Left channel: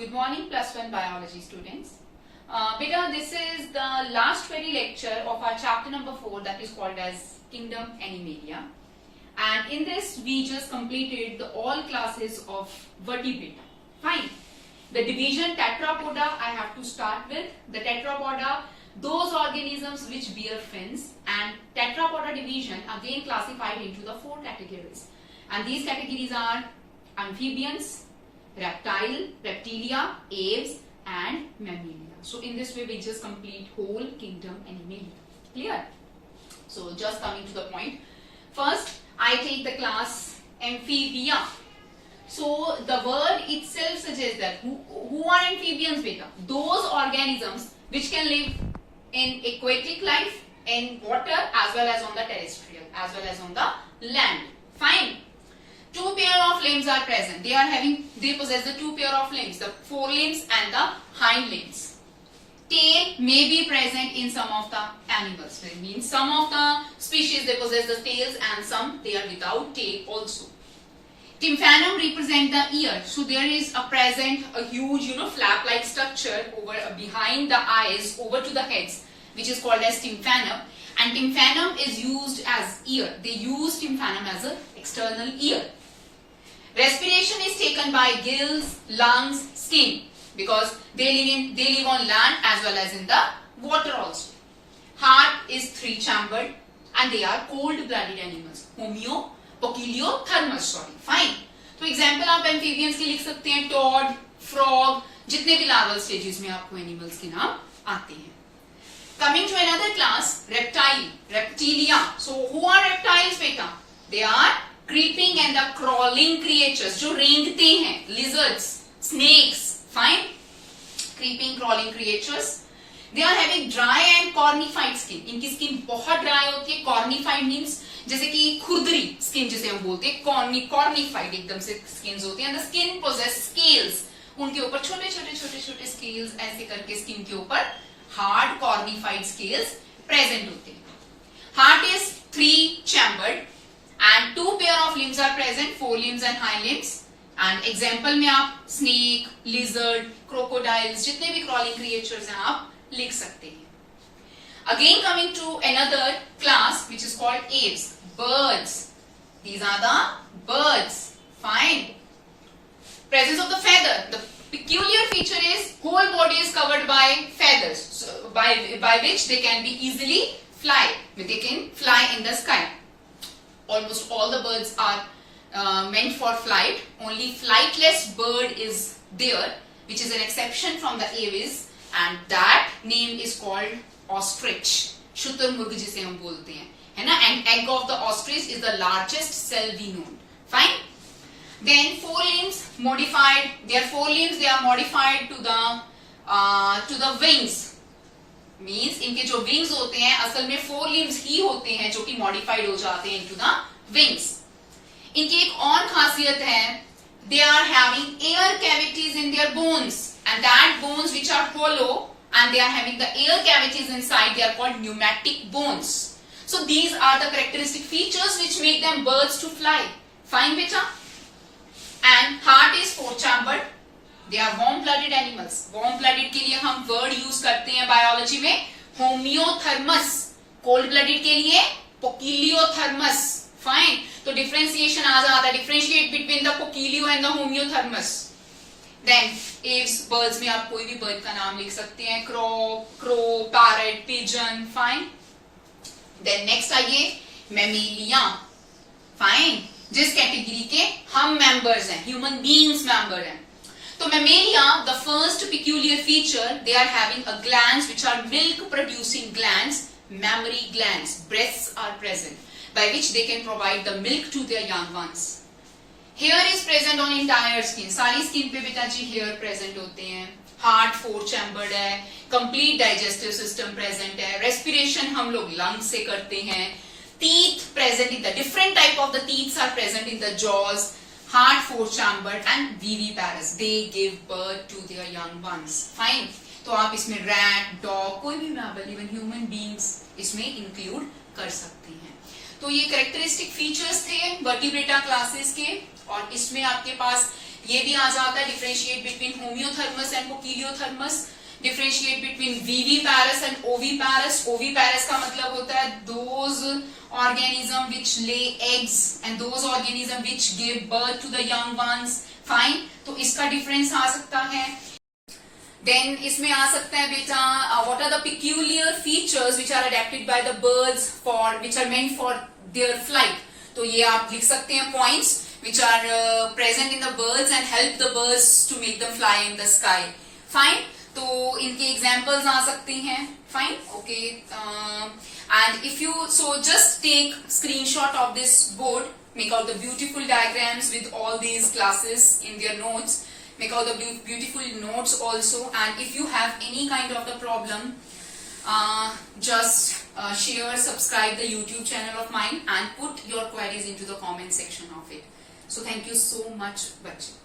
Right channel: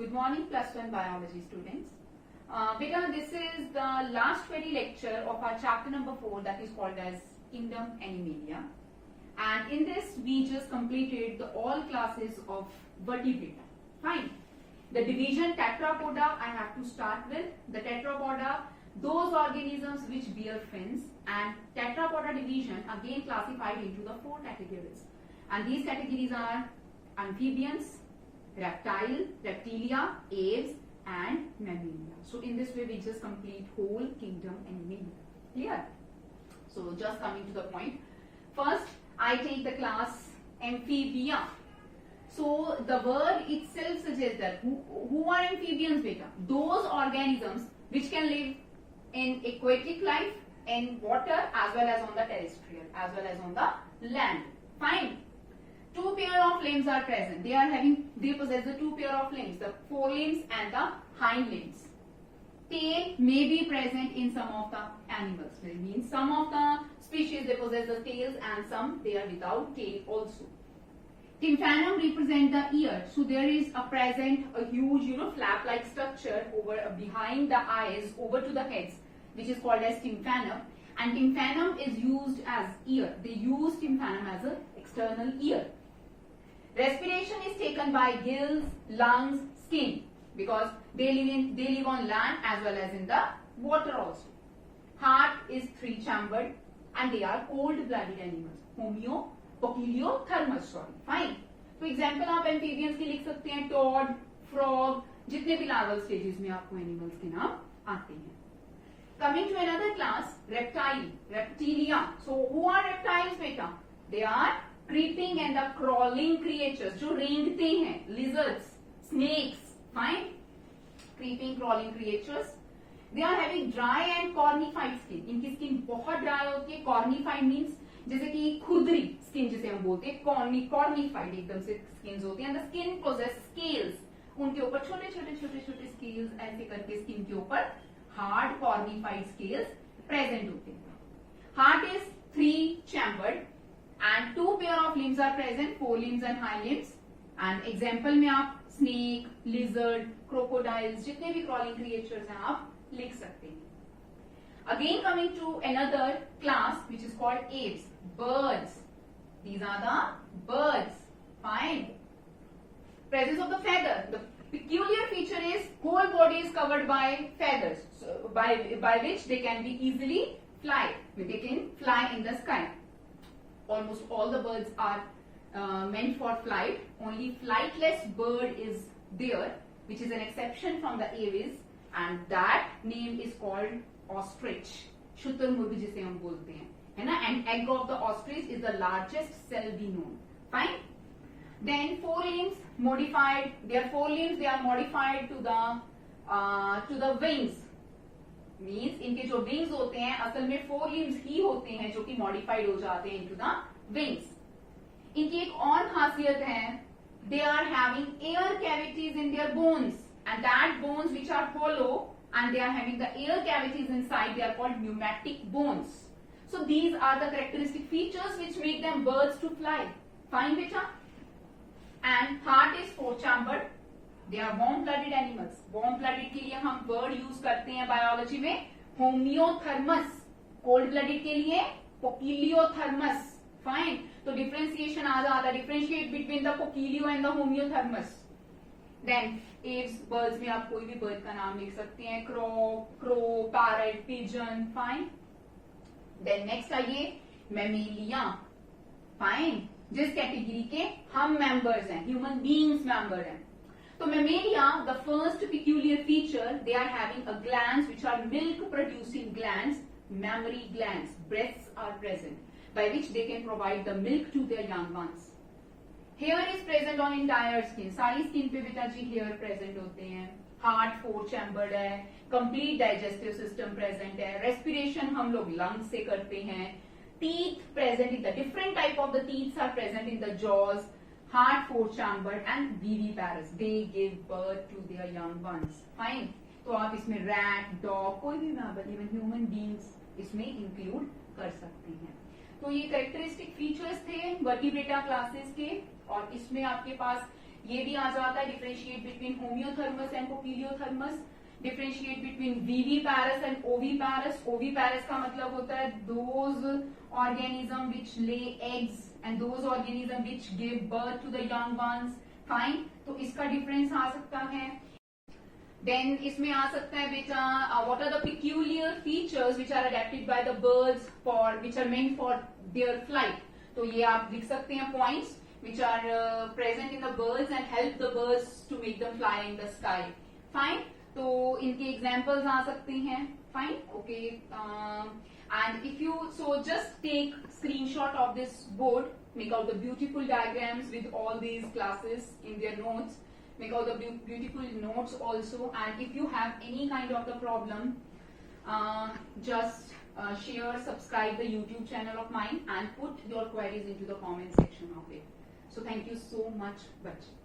Good morning, plus one biology students. Beta, this is the last very lecture of our chapter number 4 that is called as Kingdom Animalia. And in this, we just completed all classes of vertebrata. Fine. The division Tetrapoda, I have to start with. The Tetrapoda, those organisms which bear fins, and Tetrapoda division again classified into the 4 categories. And these categories are amphibians, reptilia, aves, and mammalia. So in this way we just complete whole kingdom Animalia. Clear? So just coming to the point. First, I take the class amphibia. So the word itself suggests that who are amphibians, beta? Those organisms which can live in aquatic life, in water, as well as on the terrestrial, as well as on the land. Fine. 2 pair of limbs are present. They possess the 2 pair of limbs, the forelimbs and the hind limbs. Tail may be present in some of the animals. It means some of the species they possess the tails and some they are without tail also. Tympanum represent the ear. So there is a huge flap-like structure over behind the eyes over to the heads, which is called as tympanum. And tympanum is used as ear. They use tympanum as an external ear. Respiration is taken by gills, lungs, skin, because they live on land as well as in the water also. Heart is 3-chambered and they are cold-blooded animals. Poeciliothermus, fine. तो example आप amphibians के लिख सकते हैं, Tod, frog, जितने भी larval stages में आपको एनिमल्स के नाम आते हैं. Coming to another class, reptilia. So who are reptiles, beta? They are creeping and the crawling creatures जो रेंगते हैं, lizards, snakes, fine. Creeping, crawling creatures. They are having dry and cornified skin. इनकी skin बहुत dry होती है. Cornified means जैसे कि खुरदरी skin जिसे हम बोलते हैं, cornified एकदम से skins होती हैं. And the skin possess scales. उनके ऊपर छोटे scales ऐसे करके skin के ऊपर hard cornified scales present होते हैं. Heart is 3-chambered and 2 pair of limbs are present, forelimbs and hind limbs. And example में आप snake, lizard, crocodiles, जितने भी crawling creatures हैं आप लिख सकते हैं. Again coming to another class which is called aves, birds. These are the birds. Fine. Presence of the feather. The peculiar feature is whole body is covered by feathers, so by which they can be easily fly. They can fly in the sky. Almost all the birds are meant for flight. Only flightless bird is there, which is an exception from the aves, and that name is called ostrich. शुतुरमुर्ग जिसे हम बोलते हैं, है ना? And egg of the ostrich is the largest cell we know. Fine. Then forelimbs modified. Their forelimbs they are modified to the wings. Means इनके जो wings होते हैं असल में forelimbs ही होते हैं जो कि modified हो जाते हैं into the wings. इनकी एक और खासियत है, they are having air cavities in their bones, and that bones which are hollow and they are having the air cavities inside, they are called pneumatic bones. So these are the characteristic features which make them birds to fly. Fine, beta? And heart is 4-chambered. They are warm-blooded animals. Warm-blooded के लिए हम word use करते हैं biology में homeothermus. Cold-blooded के लिए poeciliothermus. Fine. तो differentiation आ जाता है. Differentiate between the poecilio and the homeothermus. Then aves, birds में आप कोई भी bird का नाम लिख सकते हैं. Crow, parrot, pigeon. Fine. Then next आइए mammalia. Fine. जिस कैटेगरी के हम मेंबर्स हैं, ह्यूमन बीइंग्स मेंबर हैं. तो mammalia, the first peculiar feature, they are having a glands which are milk producing glands, mammary glands. Breasts are present by which they can provide the milk to their young ones. Hair is present on entire skin. सारी skin पे बेटा जी hair present होते हैं. Heart 4-chambered है. Complete digestive system present है. Respiration हम लोग lungs से करते हैं. Teeth present in the different type of the teeth are present in the jaws. Heart 4-chambered and viviparous. They give birth to their young ones. Fine. तो आप इसमें rat, dog, कोई भी mammal, even human beings इसमें include कर सकते हैं. तो ये characteristic features थे vertebrata classes के, और इसमें आपके पास ये भी आ जाता है differentiate between homeothermous and poikilothermous, differentiate between viviparous and oviparous. Oviparous का मतलब होता है those organism which lay eggs and those organism which give birth to the young ones. Fine, तो इसका डिफरेंस आ सकता है। देन इसमें आ सकता है बेटा what are the peculiar features which are adapted by the birds for which are meant for their flight. तो ये आप लिख सकते हैं points which are present in the birds and help the birds to make them fly in the sky. Fine, तो इनके examples आ सकते हैं। Fine, okay, and if you so just take screenshot of this board, make out the beautiful diagrams with all these classes in their notes, make out the beautiful notes also, and if you have any kind of the problem, just share, subscribe the YouTube channel of mine and put your queries into the comment section of it. So thank you so much, bachcho.